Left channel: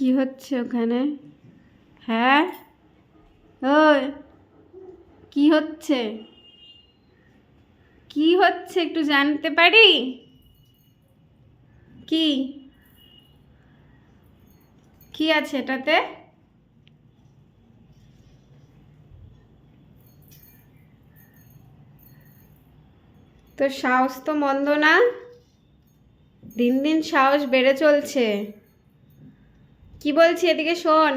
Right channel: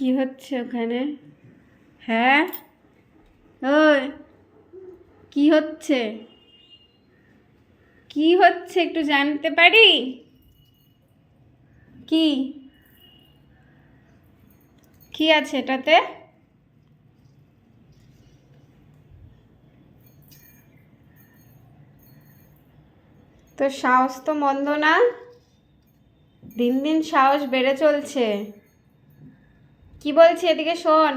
কি হচ্ছে ওখানে? হ্যাঁ, ওই কি হচ্ছে? কি হচ্ছে একটু জানতে পারি? কি কি আছে এটাতে? তোর সাহস তো মন্দ না, দিন দিন সাহস বেড়ে চলছে। কি বলছি, এদিকে শোন,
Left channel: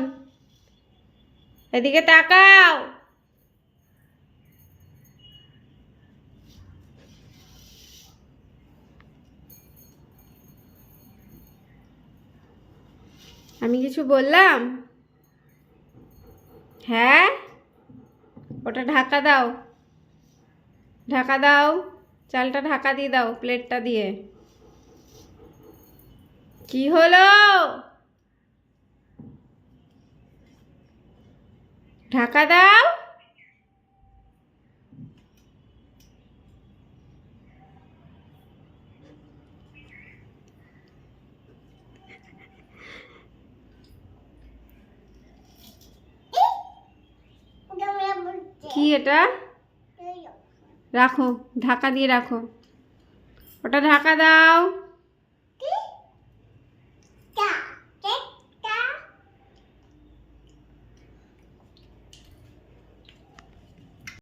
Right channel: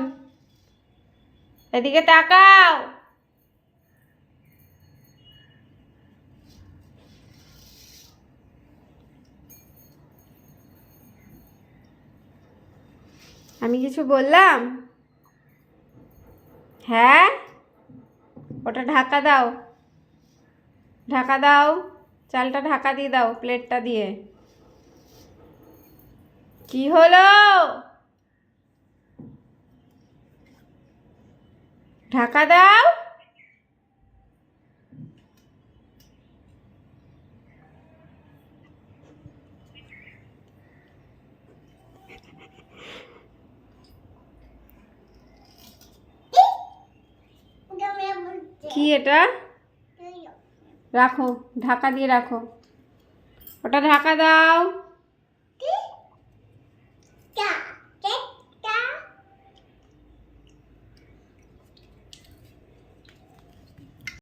এদিকে তাকাও। আমি কিছু বললাম? হ্যাঁ, ওটা ঢাকা দাও, ঢাকা দাও, চালটা ঢাকা দিয়ে দাও প্লেটটা দিয়ে। কি হলো? ঢাকা দাও। কি এটা? রাখো, ঢাকা দিয়ে রাখো, ওটা ঢাকা দাও।